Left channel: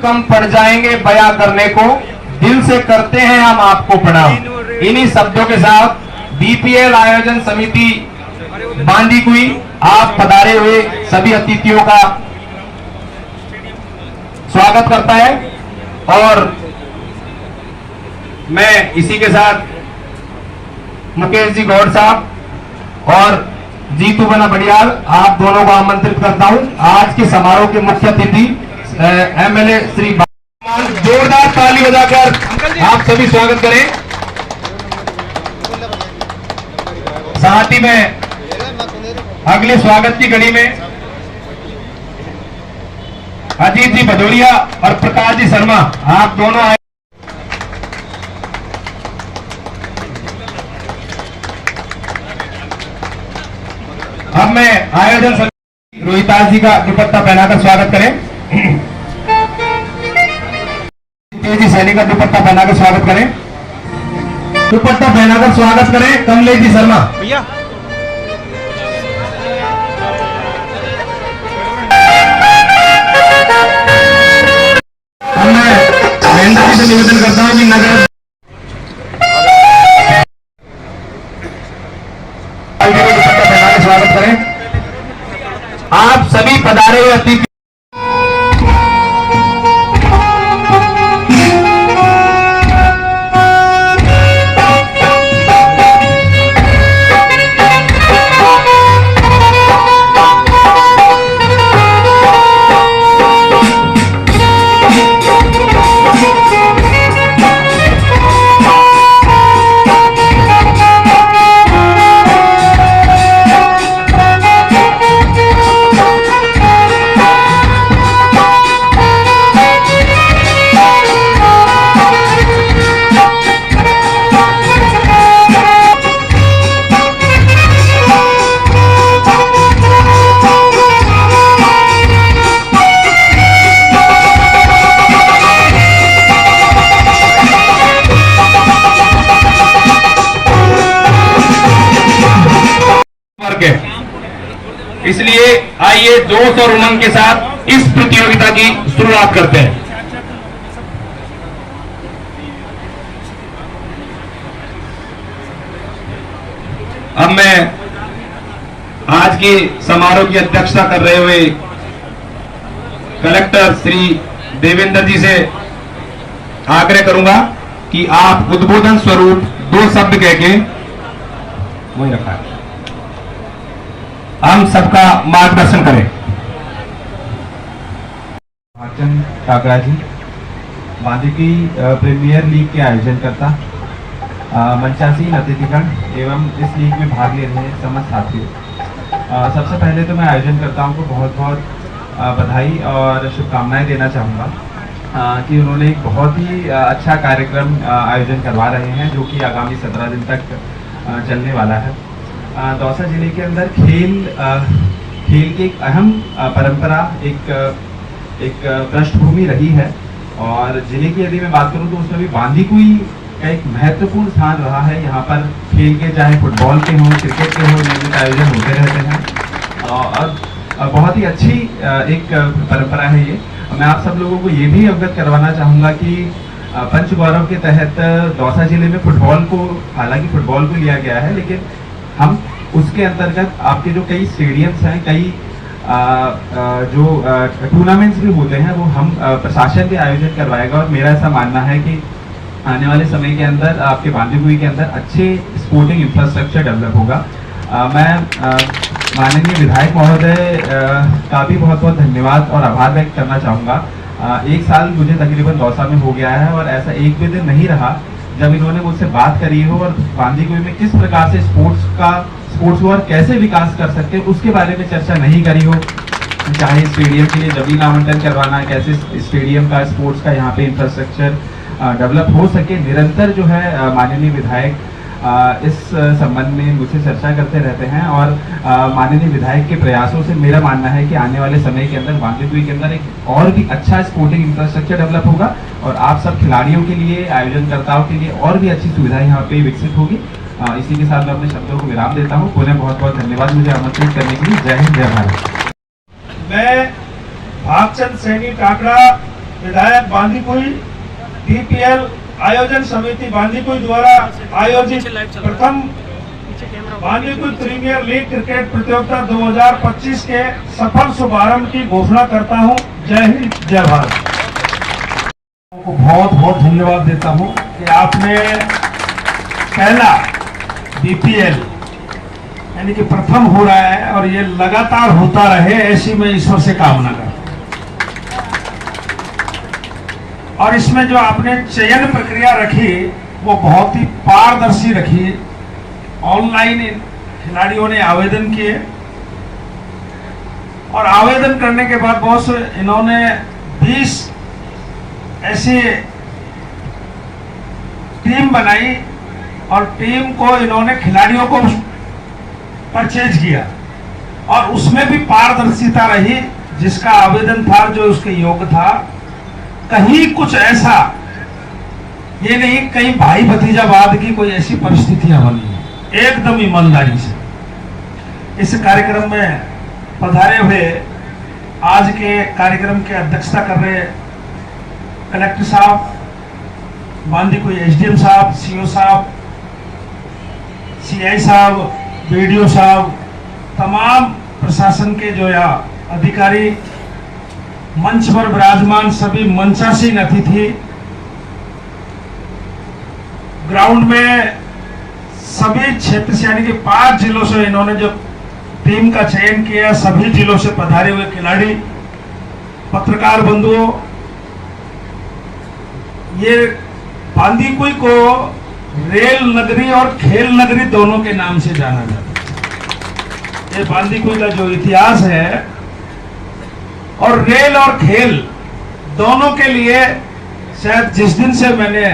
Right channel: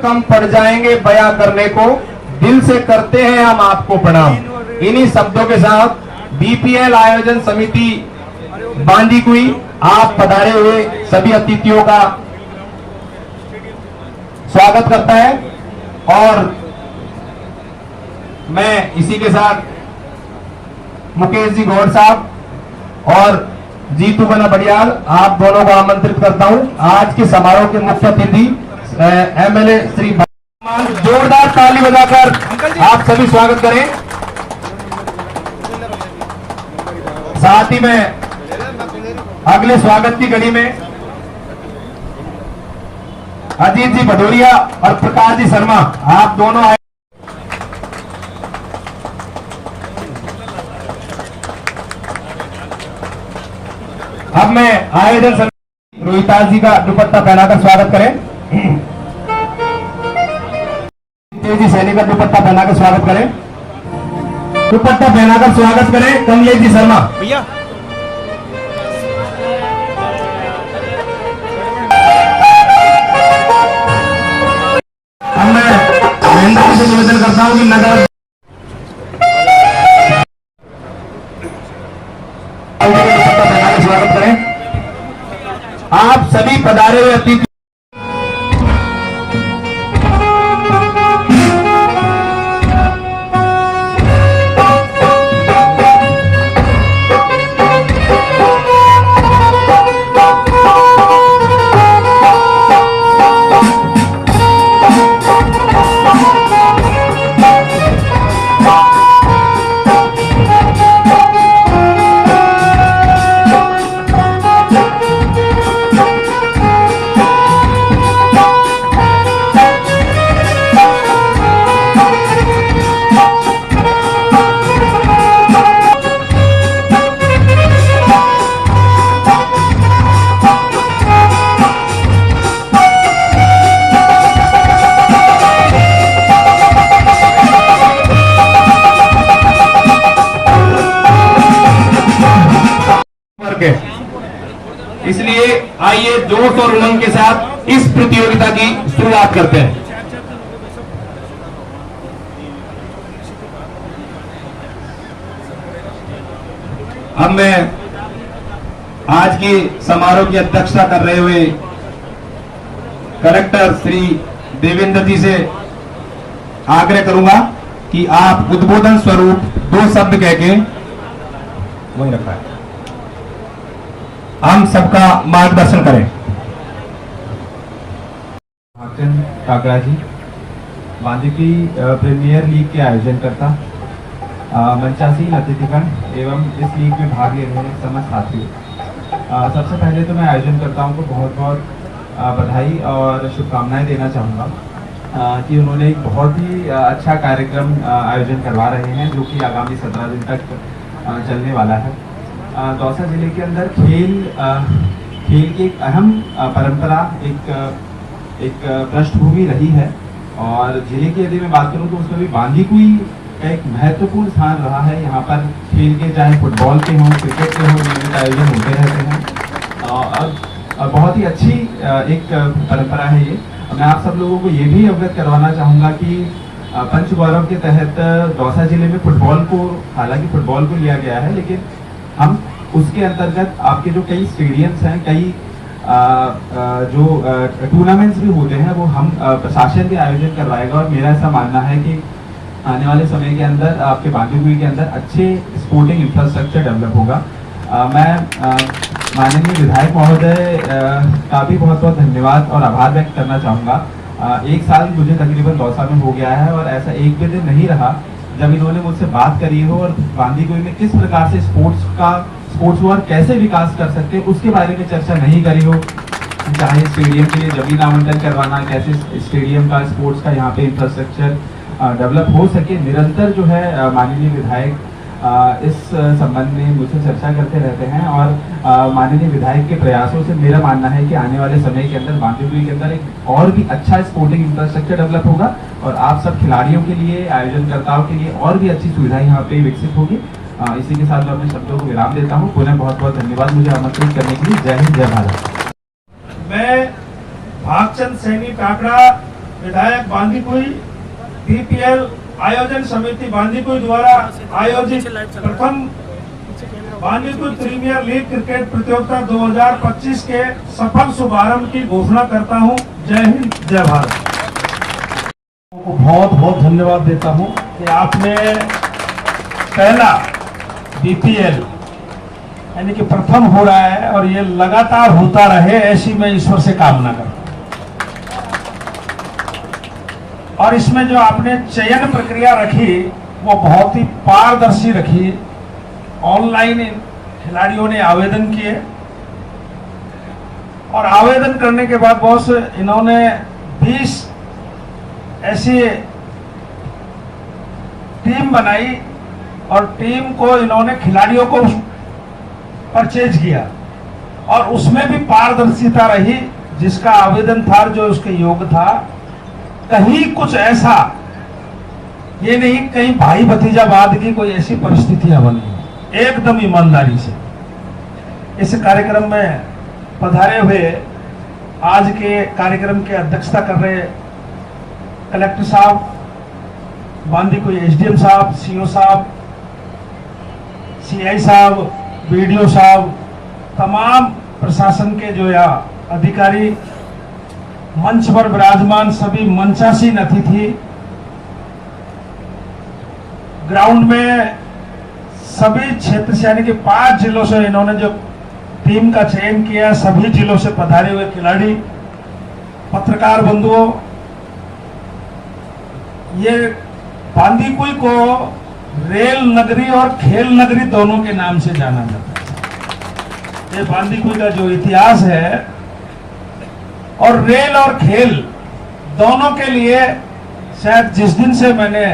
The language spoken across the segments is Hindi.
कम पड़ जाएंगे बयां करने को, दिल से करते हैं हम आपको प्रणाम। इन्हीं शब्दों के साथ बीपीएल आयोजन समिति बांदीकुई आप पधारे हुए सभी अतिथियों का स्वागत करता है। और मैं इसी के साथ मुकेश जी गौड़ साहब और जीतू बना बड़ियाल आप दोनों को आमंत्रित करता हूं। आज के समारोह के मुख्य अतिथि एमएलए श्री जोरदार ताली बजाकर आप सभी स्वागत करें। साथ ही में अगले स्वागत की कड़ी में अजीत जी भदौरिया और प्रकाश जी शर्मा आप दोनों आए। अब मैं आयोजन समिति रोहिताज जी का दुपट्टा पहनाकर स्वागत करें। तेजी सैनी का दुपट्टा पहनाकर स्वागत करें। दुपट्टा पहनाकर स्वागत करें कमलेश जी शर्मा भैया। अब मैं महेंद्र जी से निवेदन करता हूं कि नगर स्वागत करें। आप सभी पधारे हुए अतिथि इसलिए आइए जोश और उमंग के साथ इस प्रतियोगिता की शुरुआत करते हैं। अब मैं आज के समारोह की अध्यक्षता कर रहे हुए कलेक्टर श्री देवेंद्र जी से आग्रह करूंगा कि आप उद्बोधन स्वरूप 2 शब्द कह के वही रखा है हम सबका मार्गदर्शन करें। भागचंद काकड़ा जी बांदीकुई प्रीमियर लीग के आयोजन करता मंचासीन अतिथिगण एवं इस लीग में भाग ले रहे समस्त साथियों, सबसे पहले तो मैं आयोजन करताओं को बहुत बहुत बधाई और शुभकामनाएं देना चाहूँगा कि उन्होंने एक बहुत ही अच्छा कार्यक्रम आयोजन करवा रहे हैं जो कि आगामी 17 दिन तक चलने वाला है। दौसा जिले के अंदर खेल की एक अहम परंपरा एक पृष्ठभूमि रही है और जिले की यदि मैं बात करूं तो उसमें भी बांदीकुई का एक महत्वपूर्ण स्थान रहा है। यहाँ पर खेल के चाहे फुटबॉल के हों क्रिकेट के हों नियमित आयोजन होते रहते हैं और बहुत ही अच्छी एक परंपरा है ये। मैं आप सब लोगों को ये भी अवगत करवाना चाहूँगा कि पंच गौरव के तहत दौसा जिले में फुटबॉल को हालांकि फुटबॉल को लिया गया है लेकिन हम उसके अंतर्गत आपके जो कई स्टेडियम्स हैं कई जो टूर्नामेंट्स भी होते हैं वो हम प्रशासन भी आयोजन करवाएगा और मेरा ऐसा मानना है कि आने वाले समय के अंदर आपके बांदीकुई के अंदर अच्छे स्पोर्टिंग इंफ्रास्ट्रक्चर डेवलप होगा। मैं माननीय विधायक महोदय का भी बहुत बहुत धन्यवाद और आभार व्यक्त करना चाहूँगा। 1 साल मुझे तकरीबन दौसा में हो गया है और ऐसा एक भी दिन नहीं रहा जब इन्होंने मुझसे बात करी हो और बांदीकुई में किस प्रकार से स्पोर्ट्स को और कैसे विकास कर सकते हैं उसके बारे में चर्चा नहीं करी हो। चाहे स्टेडियम के लिए जमीन आवंटन करवाना, कैसे स्टेडियम का स्पोर्ट्स का यहाँ पे इंफ्रास्ट्रक्चर डेवलप हो सके, निरंतर जो है माननीय विधायक इस संबंध में मुझसे चर्चा करते रहते हैं और माननीय विधायक के प्रयासों से मेरा मानना है कि आने वाले समय के अंदर बांदीकुई के अंदर एक और भी अच्छा स्पोर्टिंग इंफ्रास्ट्रक्चर डेवलप होगा और आप सब खिलाड़ियों के लिए आयोजनकर्ताओं के लिए और भी अच्छी सुविधाएं यहाँ पे विकसित होगी। इसी के साथ मैं अपने शब्दों को विराम देता हूँ। पुनः बहुत बहुत धन्यवाद मुझे आमंत्रित करने के लिए। जय हिंद, जय भारत। मैं भागचंद सैनी काकड़ा विधायक बांदीकुई बीपीएल आयोजन समिति बांदीकुई द्वारा आयोजित प्रथम बांदीकुई प्रीमियर लीग क्रिकेट प्रतियोगिता 2025 के सफल शुभारंभ की घोषणा करता हूं। जय हिंद, जय भारत। को बहुत बहुत धन्यवाद देता हूं कि आपने पहला बीपीएल यानी कि प्रथम हो रहा है और ये लगातार होता रहे, ऐसी मैं ईश्वर से कामना करता हूं। और इसमें जो आपने चयन प्रक्रिया रखी वो बहुत ही पारदर्शी रखी। ऑनलाइन खिलाड़ियों ने आवेदन किए और आवेदन करने के बाद बहुत से इन्होंने 20 ऐसी टीम बनाई और टीम को इन्होंने खिलाड़ियों को परचेज किया और उसमें भी पारदर्शिता रही। जिसका आवेदन था, जो उसके योग्य था, कहीं कुछ ऐसा ये नहीं कहीं भाई भतीजावाद की कोई ऐसी परिस्थितियां बनी, एकदम ईमानदारी से इस कार्यक्रम में पधारे हुए आज के कार्यक्रम की अध्यक्षता कर रहे कलेक्टर साहब, बांदीकुई एसडीएम साहब, सीओ साहब, सीआई साहब, बीडीओ साहब, तमाम प्रशासन के जो या अधिकारी, मंच पर विराजमान सभी मंचासीन अतिथि, ग्राउंड में सभी क्षेत्र से यानी कि 5 जिलों से इन्होंने जो टीम का चयन किया, सभी जिलों से पधारे हुए खिलाड़ी, पत्रकार बंधुओं, ये बांदीकुई को रेल नगरी और खेल नगरी दोनों के नाम से जाना जाता है। ये बांदीकुई का जो इतिहास है और रेल और खेल दोनों के लिए शायद जिस दिन से मैंने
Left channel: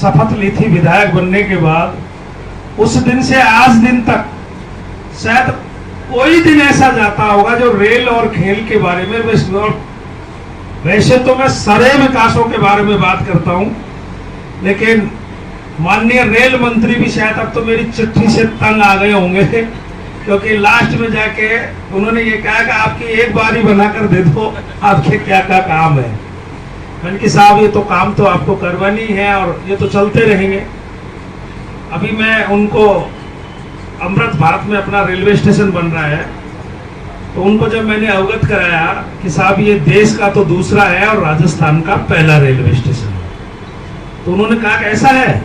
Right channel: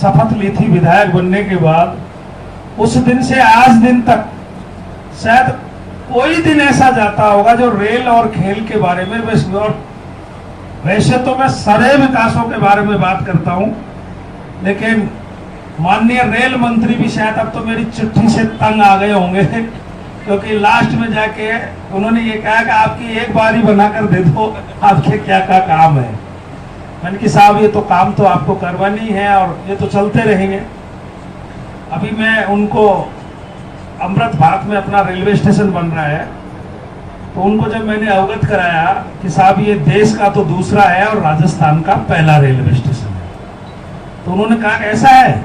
शपथ ली थी विधायक बनने के बाद, उस दिन से आज दिन तक शायद कोई दिन ऐसा जाता होगा जो रेल और खेल के बारे में, वैसे तो मैं सारे विकासों के बारे में बात करता हूं, लेकिन माननीय रेल मंत्री भी शायद अब तो मेरी चिट्ठी से तंग आ गए होंगे, क्योंकि लास्ट में जाके उन्होंने ये कहा कि आपकी एक बारी बनाकर दे दो, आपके क्या क्या काम है। मैंने कि साहब ये तो काम तो आपको करवानी है और ये तो चलते रहेंगे। अभी मैं उनको अमृत भारत में अपना रेलवे स्टेशन बन रहा है, तो उनको जब मैंने अवगत कराया कि साहब ये देश का तो दूसरा है और राजस्थान का पहला रेलवे स्टेशन है, तो उन्होंने कहा कि ऐसा है।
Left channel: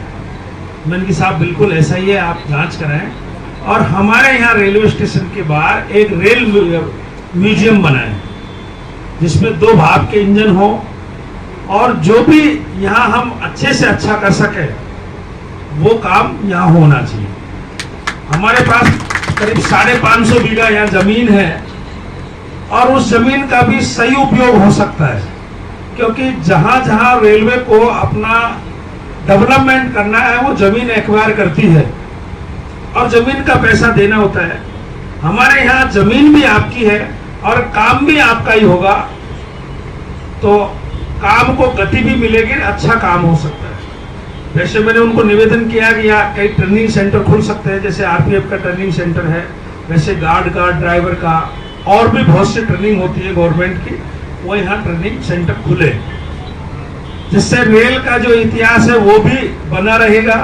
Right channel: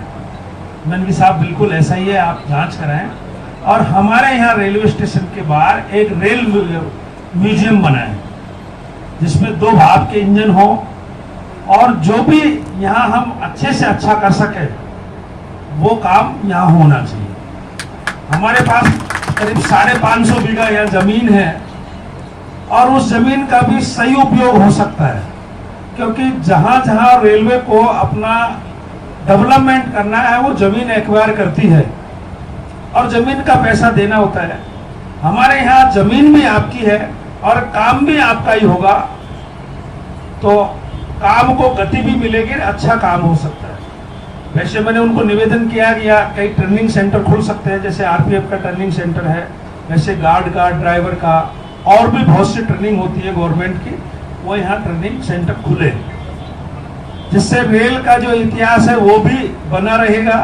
मैंने कि साहब बिल्कुल ऐसा ही है, आप जांच कराएं। और हमारे यहाँ रेलवे स्टेशन के बाहर एक रेल म्यूजियम बना है जिसमें 2 भाप के इंजन हो और जो भी यहाँ हम अच्छे से अच्छा कर सके वो काम यहाँ होना चाहिए। हमारे पास करीब 550 बीघा यहाँ जमीन है और उस जमीन का भी सही उपयोग हो सकता है, क्योंकि जहां जहां रेलवे को अपना डेवलपमेंट करना है वो जमीन एक्वायर करती है और जमीन का पैसा देना होता है। हमारे यहाँ जमीन भी आपकी है और काम भी आपका ही होगा, तो काम को गति भी मिलेगी, अच्छा काम हो सकता है। वैसे मैंने उनको निवेदन किया कि यहाँ कई ट्रेनिंग सेंटर खुल सकते हैं, जैसे आरपीएफ का ट्रेनिंग सेंटर है, वैसे गार्ड का, ड्राइवर का और भी बहुत सी ट्रेनिंग होती है गवर्नमेंट की, वो यहाँ ट्रेनिंग सेंटर खुले, जिससे रेल का जो इतिहास है वो भी बना रहेगा।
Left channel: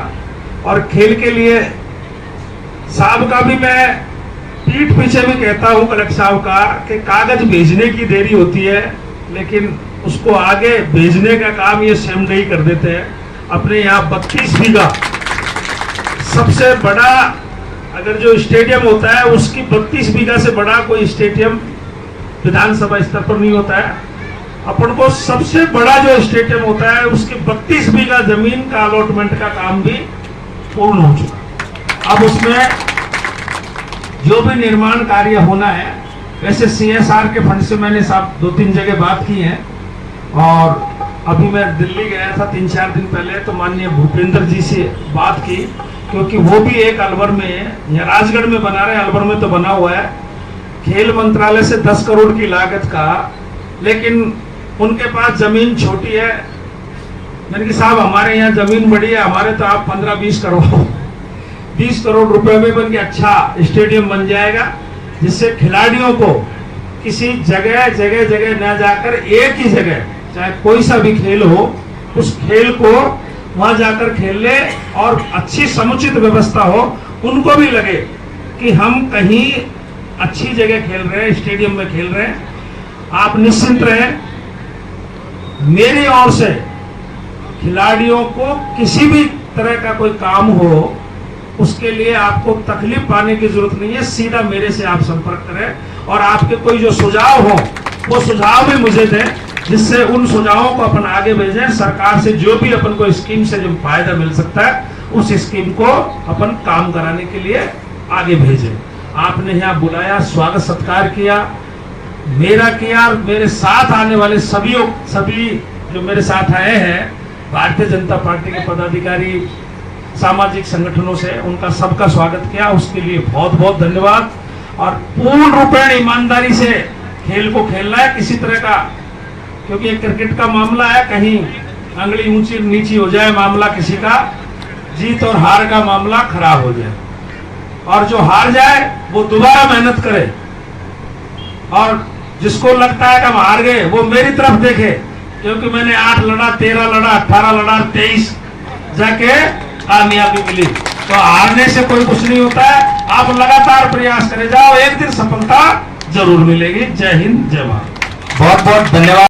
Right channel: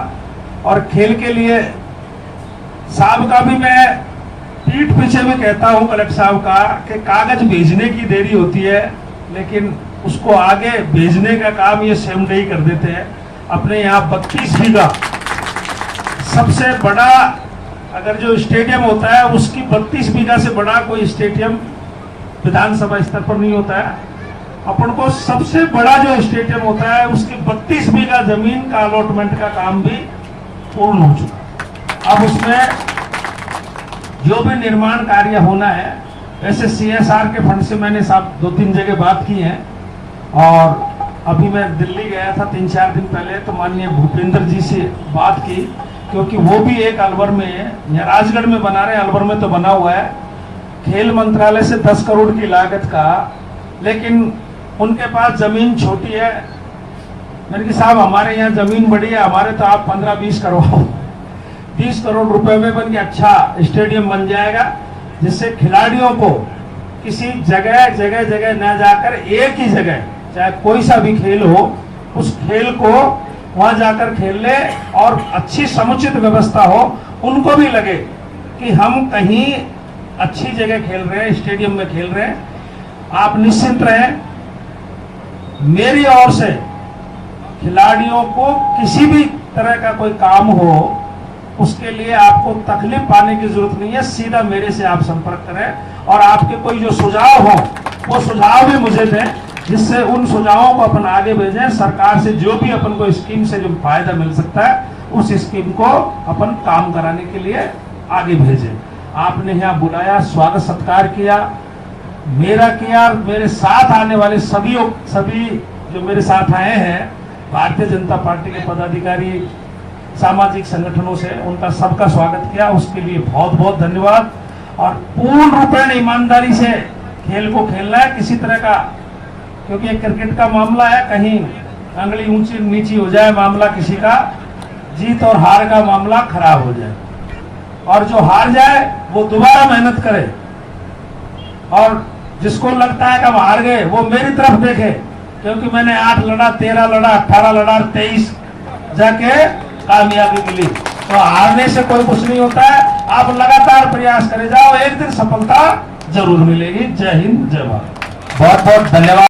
और खेल के लिए साहब का भी मैं पीठ पीछे भी कहता हूँ कलेक्टर साहब का कि कागज भेजने की देरी होती है, लेकिन उसको आगे भेजने का काम ये सेम डे कर देते हैं। अपने यहाँ 32 बीघा सबसे बड़ा अगर जो स्टेडियम होता है उसकी 32 बीघा से बड़ा कोई स्टेडियम विधानसभा स्तर पर नहीं होता है। अपन को सबसे बड़ा जो स्टेडियम होता है उसकी 32 बीघा जमीन का अलॉटमेंट का काम भी पूर्ण हो चुका। अब उसमें जो भी निर्माण कार्य होना है, वैसे सीएसआर के फंड से मैंने साहब 2-3 जगह बात की है और अभी मैं दिल्ली गया था 3-4 दिन पहले, तो माननीय भूपेंद्र जी से बात की, क्योंकि वो भी एक अलवर में या राजगढ़ में बना रहे, अलवर में तो बना हुआ है खेल मंत्रालय से 10 करोड़ की लागत का, लेकिन उनके पास जमीन छोटी है। मैंने कहा साहब हमारे यहाँ जमीन बड़ी है, हमारे तो आप 15-20 करोड़ रुपए में बन के अच्छा स्टेडियम बन जाएगा, जिससे खिलाड़ियों को किसी जगह न जाकर एक ही जगह चाहे कोई सा भी खेल हो, उस खेल को वहां जाकर खेल ले और अच्छी समुचित व्यवस्था हो, उनको भी लगे कि हम कहीं अच्छी जगह खेल रहे हैं, स्टेडियम में खेल रहे हैं। आप निश्चिंत रहें, मेरी ओर से खिलाड़ियों को किसी भी तरह का कोई काम हो, उसके लिए आपको तकलीफ पाने की जरूरत नहीं है। सीधा मेरे से आप संपर्क करें और आपके कोई जो सुझाव हो वो सुझाव भी मुझे दें, जिससे उन सुझावों को अपन आगे भेजें। सरकार से जो भी अपन को स्कीम से जो फायदा मिल सकता है, उस स्कीम को अपन काम कराने के लिए आगे भेजें। आपने यहाँ बुलाया, स्वागत सत्कार किया, मेरा किया, मेरे साथ आने वाले सभी जो मेरे साथ आए हैं, भारतीय जनता पार्टी के पदाधिकारी, सामाजिक संगठनों से, उनका सबका स्वागत किया, उसके लिए बहुत बहुत धन्यवाद। और पूर्ण रूपेण ईमानदारी से खेल को खेलना है, किसी तरह का, क्योंकि एक क्रिकेट का मामला है, कहीं अंगली ऊंची नीची हो जाए मामला, किसी का जीत और हार का मामला खराब हो जाए, और जो हार जाए वो दोबारा मेहनत करे, और जिसको लगता है कि हम हार गए वो मेरी तरफ देखे, क्योंकि मैंने 8 लड़ा, 13 लड़ा, 18 लड़ा, 23 जाके कामयाबी मिली। तो हारने से कोई कुछ नहीं होता है, आप लगातार प्रयास करे जाओ, एक दिन सफलता जरूर मिलेगी। जय हिंद, जय भारत। बहुत बहुत धन्यवाद।